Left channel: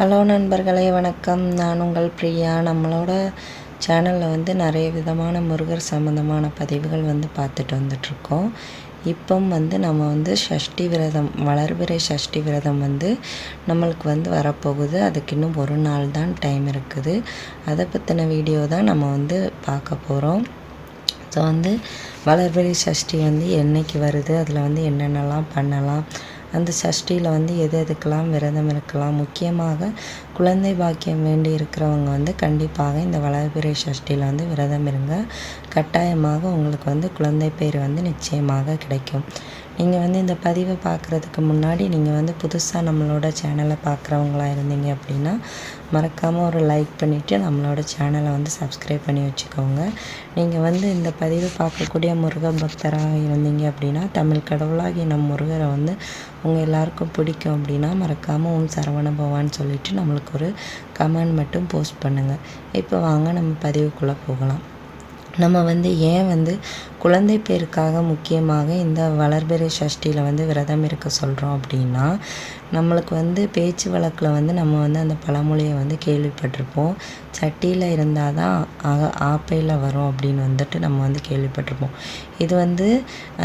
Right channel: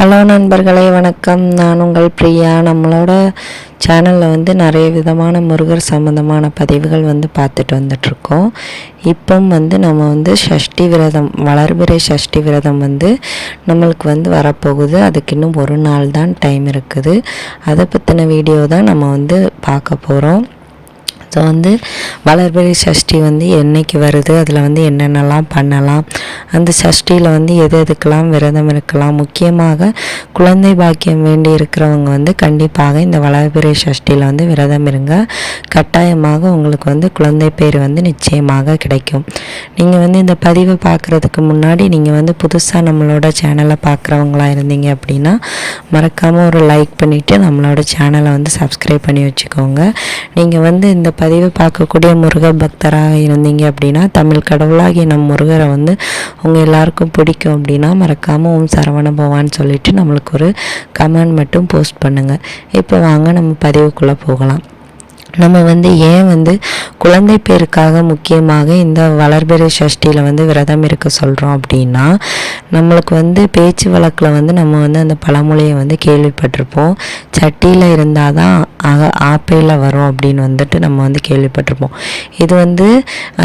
Hello நண்பர்களே, வணக்கம். நான் உங்கள் பிரியா. நம்மளோட சேனலில் நிறைய விதமான முருகர் சம்மந்தமான பதிவுகள் பார்த்துட்டு வந்துட்ருக்கோம். இப்போ நம்ம சஷ்டி விரதம், வளர்பிறை சஷ்டி விரதம் நம்மளுக்கு வரப்போகுது. அதுக்கு இன்னும் ஒரு நாள் தான் டைம் இருக்குது. அதை பற்றின வீடியோ தான் நம்ம பார்க்க போகிறோம். ஸோ வளர்பிறை சஷ்டி என்றைக்கு வருது, அதில் என்னென்னலாம் பண்ணலாம், அந்த சஷ்டியில் எது எதுக்கெல்லாம் விரதம் இருக்கலாம், முக்கியமாக குழந்தை பாக்கியம் வேண்டி இருக்கிறவங்க கண்டிப்பாக இந்த வளர்பிறை சஷ்டியில் விரதம் இருங்க. கட்டாயமாக உங்களுக்கு குழந்தை பேர் நிச்சயமாக கிடைக்கும். நீங்கள் இந்த பதிவை பார்க்குறதுக்கு முன்னாடி நீங்கள் புதுசாக நம்மளோட சேனலை பார்க்குறவங்களா இருந்தீங்க அப்படின்னா மறக்காமல் ஒரு லைக் பண்ணிவிட்டு நம்மளோட சேனலை சப்ஸ்கிரைப் பண்ணி வச்சுக்கோங்க. நீங்கள் இந்த பதிவை பார்க்கக்கூடிய முருகர் பக்தராக இருந்தீங்க அப்படின்னா, தமிழ் கடவுளாகிய நம் முருகரை உங்கள் எல்லாருக்கும் பிடிக்கும் அப்படின்னா மறக்காமல் ஓம் சரவண பவான்னு சொல்லிவிட்டு நம்மளுக்கு ஒரு கமெண்ட் மட்டும் போஸ்ட் பண்ணுங்கள். இப்போ வாங்க நம்ம பதிவுக்குள்ளே போகலாம். நம்ம ஏன் குழந்தை பேருக்காக முக்கியமாக இந்த வளர்பிறை சஷ்டியில் விரதம் இருக்க சொல்கிறோம் அப்படின்னா, நம்மளுக்கு பேச்சு வழக்கில் நம்ம அந்த பழமொழியை கேள்விப்பட்டிருப்போம். சட்டியில் இருந்தால் தான் ஆப்பையில் வரும் அப்படின்னு நம்ம கேள்விப்பட்டிருப்போம். இது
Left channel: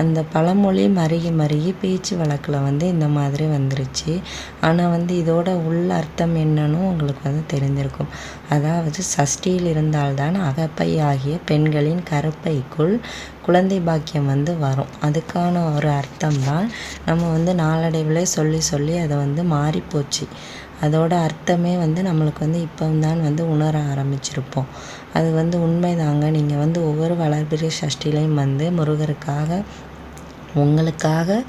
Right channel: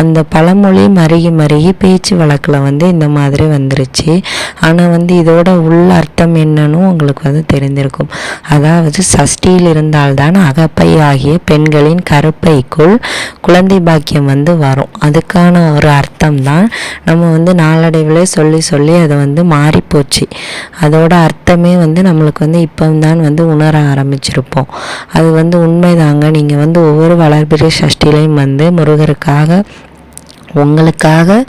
அந்த பழமொழி மருகி பேச்சு வழக்கில் இந்த மாதிரி வந்துருச்சு. ஆனால் இதோட உள்ள அர்த்தம் என்னன்னு உங்களுக்கு தெரிந்திருக்கும். அதாவது சஷ்டியில் இருந்தால்தான் அகப்பை ஆகிய பெண்களின் கருப்பைக்குள் குழந்தை பாக்கியம் வரும். அதுக்கான ஒரு அர்த்தம் தான் நம்ம நாளடைவில் சொல்லி அதை மாறிப்போச்சு. அதோட அர்த்தமே நம்மளுக்கு இப்போ தான் உணர ஆரம்பிச்சிருப்போம். அது உண்மைதாங்க. நீங்கள் ஒவ்வொரு வளர்பிறை சஷ்டிலையும் முருகருக்காக உங்களுக்காக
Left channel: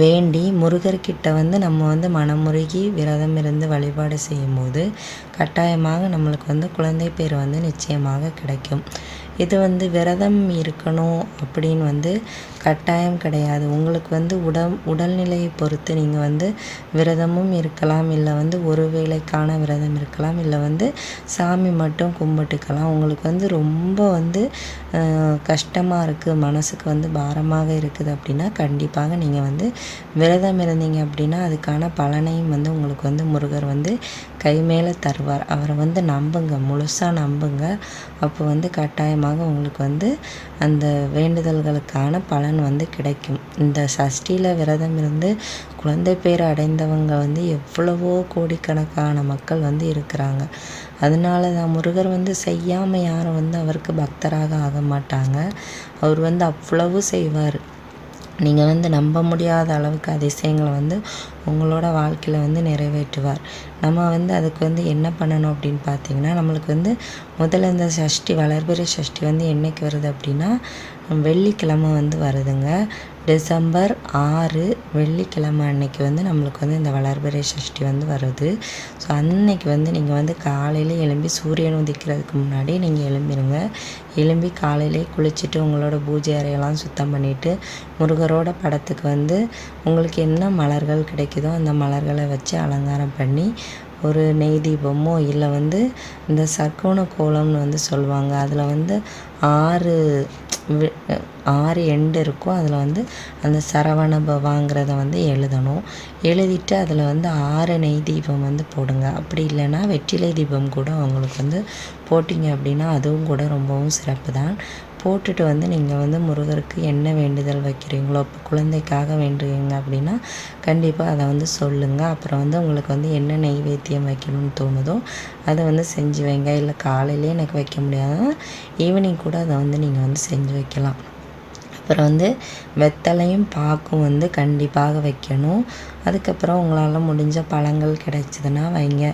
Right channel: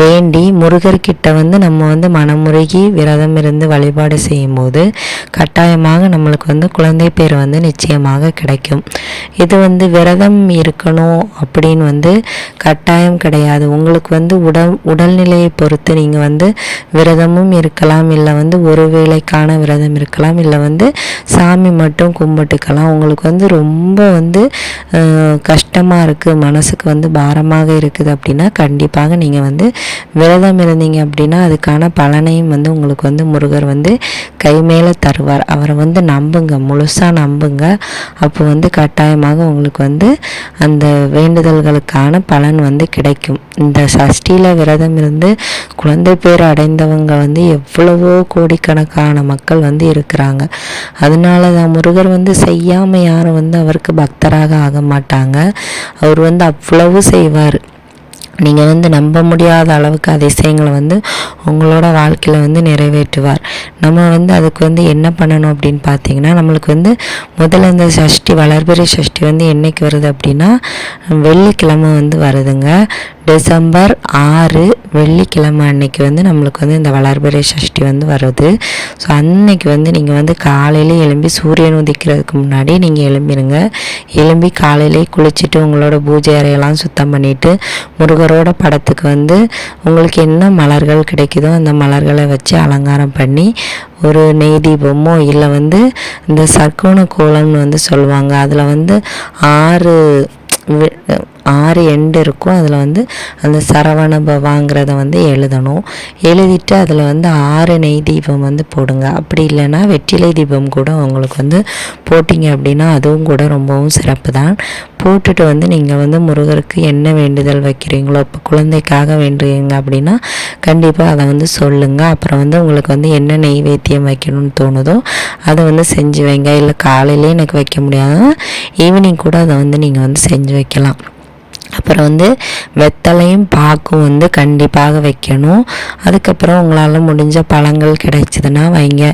வேண்டி முருகர்கிட்ட நம்ம மனமுருகி விரதம் இருந்து வழிபாடு செய்யும்போது கட்டாயமாக நம்மளுக்கு குழந்தை பேர் நிச்சயமாக கிடைக்கும். இது விரதம் இருக்கணும் அப்படின்னு கட்டாயம் கிடையாது. உங்களுக்கு உடல்நிலையை பொறுத்து நீங்கள் விரதமும் இருக்கலாம், இல்லை ஒரு வேளைக்கான விரதம் இருக்கலாம், இல்லை சாமி மட்டும் கும்பிட்டுக்கலாம். உங்களுக்கு ரொம்ப கஷ்டமாக இருக்குது, மனசுக்கு பாரமாக இருக்குது அப்படின்னா கண்டிப்பாக நீங்கள் விரதம் இருந்தீங்க அப்படின்னா அதுக்கான பலனையும் உங்களுக்கு முருகர் கை மேலே தருவார். அவரை நம்புங்க, முழுசாக நம்புங்க. அப்போ கட்டாயமாக உங்களுக்கு அந்த வேண்டுதல்களுக்கான பலன் கிடைக்கும். இந்த சஷ்டியில் விரதம் இருந்து குழந்தை பேர் அடைந்தவங்க எவ்வளவோ கோடிக்கணக்கான மக்கள் இருக்கிறாங்க. அதனால தான் முருகர் செய்யாமல் யாரும் அவருக்கு பக்தராக ஆக மாட்டாங்க. அவர் அவ்வளவு செய்வார். நீங்கள் நம்ப முடியாத அளவுக்கு அதிசயங்களை உங்களோட வாழ்க்கையில் நிறைவேற்றுவார். நம்ம அதுக்கு என்ன பண்ணணும் அப்படின்னு பார்த்தீங்கன்னா, நம்மளுக்கு முதல்ல இந்த சஷ்டி, வளர்பிறை சஷ்டி என்னைக்கு வருது அப்படின்னா வெள்ளிக்கிழமை வருதுங்க. டிசம்பர் 6 வெள்ளிக்கிழமை அன்னைக்கு நம்மளுக்கு இந்த வளர்பிறை சஷ்டி வருது. ஸோ அன்னைக்கு நீங்கள் காலையிலே எழும்பி சூரியன் உதிக்கிறதுக்கு முன்னாடி நீங்கள் எழும்பிடுங்க. எழும்பி காலையிலே குளிச்சுட்டு உங்களோட பூஜை அறையெல்லாம் சுத்தம் பண்ணிவிட்டு முருகரோட படத்துக்கு உங்களுக்கு என்ன மலர்கள் கிடைக்குதோ அந்த மலர்களை வச்சு அலங்காரம் பண்ணி ஒரு நெய் தீபமோ இல்லை இந்த சர்க்கோண கோலம்னு சொல்லுவாங்க. அதில் 6 எண்டு இருக்கும். அதில் அந்த சரவண பவாங்கிறத எழுதணும். எழுதிட்டு அதில் 6 நெய் தீபம் போடுங்க. அப்படி இல்லைன்னா வெற்றிலை தீபம் கூட உங்களுக்கு போட்டிங்க அப்படின்னா அதுவும் கூட ரொம்பவும் சிறப்பு தான். போட்டுட்டு நீங்கள் முருகருக்கு என்ன வேண்டுதல் வைக்கிறீங்களோ, இப்போ குழந்தைக்காக வேண்டுறீங்க அப்படின்னா கண்டிப்பாக அதை சொல்லுங்கள். அப்புறம் உங்களுக்கு என்ன நெய்வேத்தியம் வைக்கணும்னு தோணுதோ அதை செஞ்சு வைங்க. இல்லை காலையிலே எனக்கு வைக்க முடியாது, ஈவினிங் கூட அதை நீங்கள் செஞ்சு வைக்கலாம். அப்புறம் வெத்தலையும் பாக்கும் கண்டிப்பாக வைக்கணும். அதுக்கப்புறம் உங்களால் முடிஞ்ச பழங்கள் கிடைச்சதுன்னா வைங்க,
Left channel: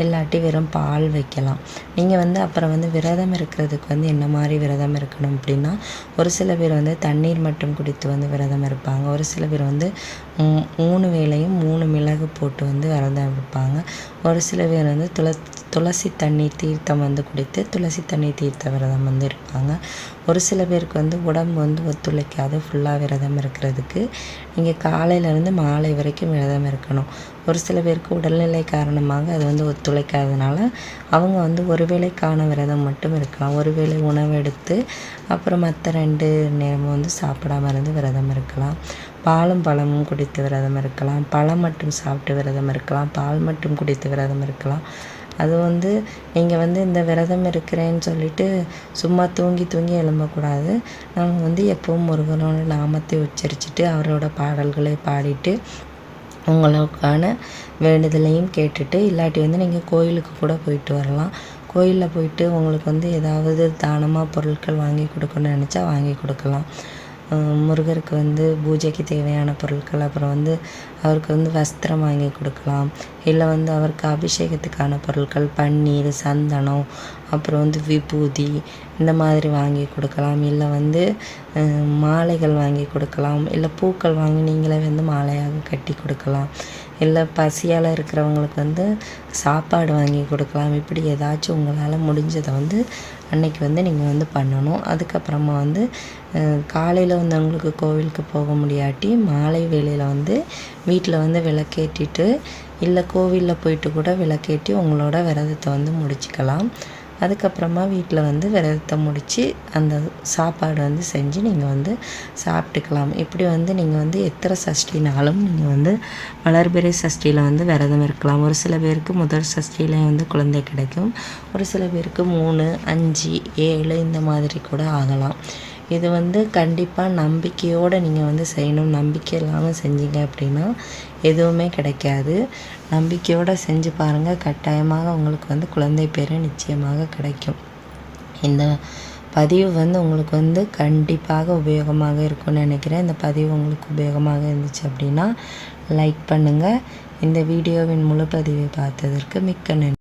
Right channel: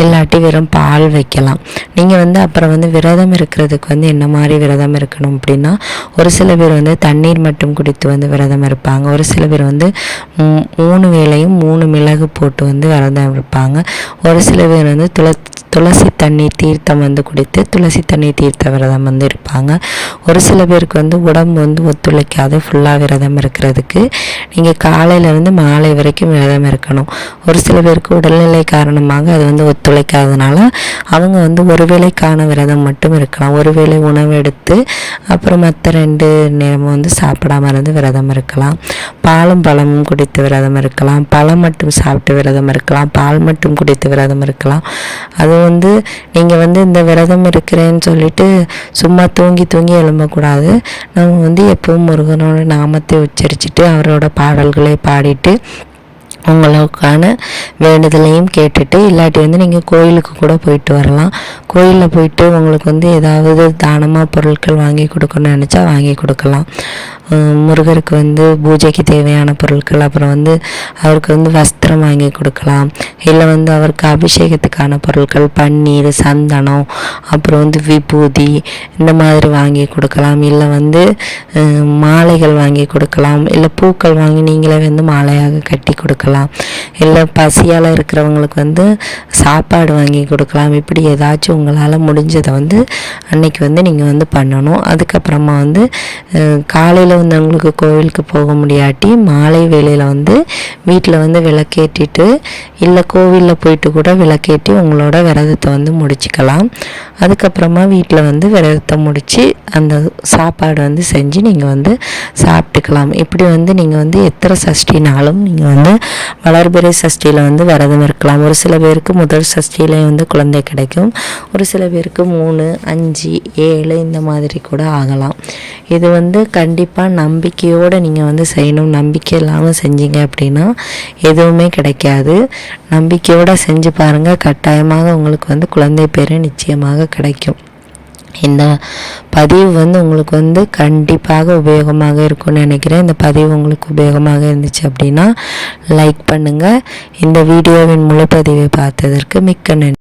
இல்லாட்டி வெறும் பால் வைக்கலாம். நீங்கள் அப்புறம் விரதம் இருக்கிறதுக்கு என்ன மாதிரி விரதம் இருக்கணும் அப்படின்னா, ஒரு சில பேர் தண்ணீர் மட்டும் குடித்து விரதம் இருப்பாங்க. ஒரு சில பேர் 3 வேளையும் 3 மிளகு போட்டு விரதம் இருப்பாங்க. ஒரு சில பேர் துளசி தண்ணீர் தீர்த்தம் குடித்து துளசி தண்ணீர் தீர்த்த விரதம் இருப்பாங்க. ஒரு சில பேருக்கு உடம்பு ஒத்துழைக்காது ஃபுல்லாக விரதம் இருக்கிறதுக்கு. நீங்கள் காலையிலேருந்து மாலை வரைக்கும் விரதம் இருக்கணும். ஒரு சில பேருக்கு உடல்நிலை காரணமாக அது வந்து ஒத்துழைக்காதனால அவங்க வந்து ஒரு வேளைக்கான விரதம் மட்டும் இருக்கலாம். ஒரு வேளை உணவு எடுத்து அப்புறம் மற்ற 2 நேரமும் வந்து சாப்பிடாம இருந்து விரதம் இருக்கலாம். பாலும் பழமும் குடித்து விரதம் இருக்கலாம். பழம் மட்டும் சாப்பிட்டு விரதம் இருக்கலாம். பால் மட்டும் குடித்து விரதம் இருக்கலாம். அது வந்து நீங்கள் வந்து இந்த விரதம் இருக்கிறேன்னு சொல்லிட்டு சும்மா தூங்கி எழும்பக்கூடாது. நம்ம வந்து எப்பவும் முருகனோட நாமத்தை உச்சரிச்சுட்டு அவரோட பாடல்களை பாடிட்டு உங்களுக்கான வேண்டுதலையும் கேட்டுட்டு, இல்லாட்டி வந்து நீங்கள் கோயிலுக்கு கூட போயிட்டு வரலாம். கோயிலில் போயிட்டு உங்களுக்கு வந்து ஏதாவது தானமாக பொருட்கள் வாங்கி கொடுக்கணும்னு நினச்சா வாங்கி கொடுக்கலாம். முருகருக்கு வந்து பூஜைக்கு தேவையான பொருட்கள், அப்புறம் வந்து அவருக்கு வந்து வஸ்திரம் வாங்கி கொடுக்கலாம். இல்லை வந்து அவருக்கு அபிஷேகத்துக்கான பொருட்கள் பன்னீர், சந்தனம், அப்புறம் வந்து விபூதி இந்த மாதிரி வாங்கி கொடுக்கலாம். இல்லை வந்து மாலைகள் வாங்கி கொடுக்கலாம். இல்லை பூக்கள் வாங்கி நீங்களே வந்து மாலையாக கட்டி கொடுக்கலாம். இல்லை பசியால் இருக்கிறவங்களுக்கு வந்து சாப்பாடு வாங்கி கொடுக்கலாம். இப்படி ஏதாச்சும் உங்களால் முடிஞ்சதை வந்து அன்னைக்கு வந்து நீங்கள் வந்து பண்ணணும். அதுக்கப்புறமா வந்து காலையில் வந்து உங்களுக்கு கோவிலுக்கு போக முடியாட்டி மாலை வேளையில் வந்து வீட்டில் வந்து விளக்கேற்றிட்டு, இல்லை கோவிலில் போயிட்டு கூட விளக்கேற்றி உங்களோட விரதத்தை வந்து முடிச்சுக்கலாம். அதுக்கப்புறமா வீட்டில் வந்து விரதத்தை முடித்து அந்த சாப்பாடு வந்து செஞ்சு நீங்கள் வந்து சாப்பிட்டுக்கலாம். இப்படி வந்து நீங்கள் வந்து எத்தனை சஷ்டினாலும் நீங்கள் வந்து வளர்பிறை சஷ்டியில் வந்து விரதம் இருக்கலாம். ஒரு சில பேருக்கு முதல் சஷ்டியிலே வந்து குழந்தை கிடைக்கும். ஒரு சில பேருக்கு 3, 5, 7 இந்த மாதிரி கூட ஆகலாம். இது வந்து கண்டிப்பாக நம்பிக்கையோடு நீங்கள் வந்து செய்யணும். நம்பிக்கை இல்லாமல் செஞ்சீங்க அப்படின்னா எதுவுமே கிடைக்காது. நம்பிக்கையோடு செஞ்சு பாருங்கள். கட்டாயமாக உங்களுக்கு வந்து குழந்தை பேர் நிச்சயமாக கிடைக்கும். இந்த பதிவு வந்து உங்களுக்கு வந்து கண்டிப்பாக உபயோகமாக இருக்கும்னு நினைக்கிறேன். இந்த பதிவு உங்களுக்கு உபயோகமாக இருந்துச்சு அப்படின்னா லைக் பண்ணுங்கள். இந்த வீடியோவின் முழு பதிவை பார்த்ததற்கு மிக்க நன்றி.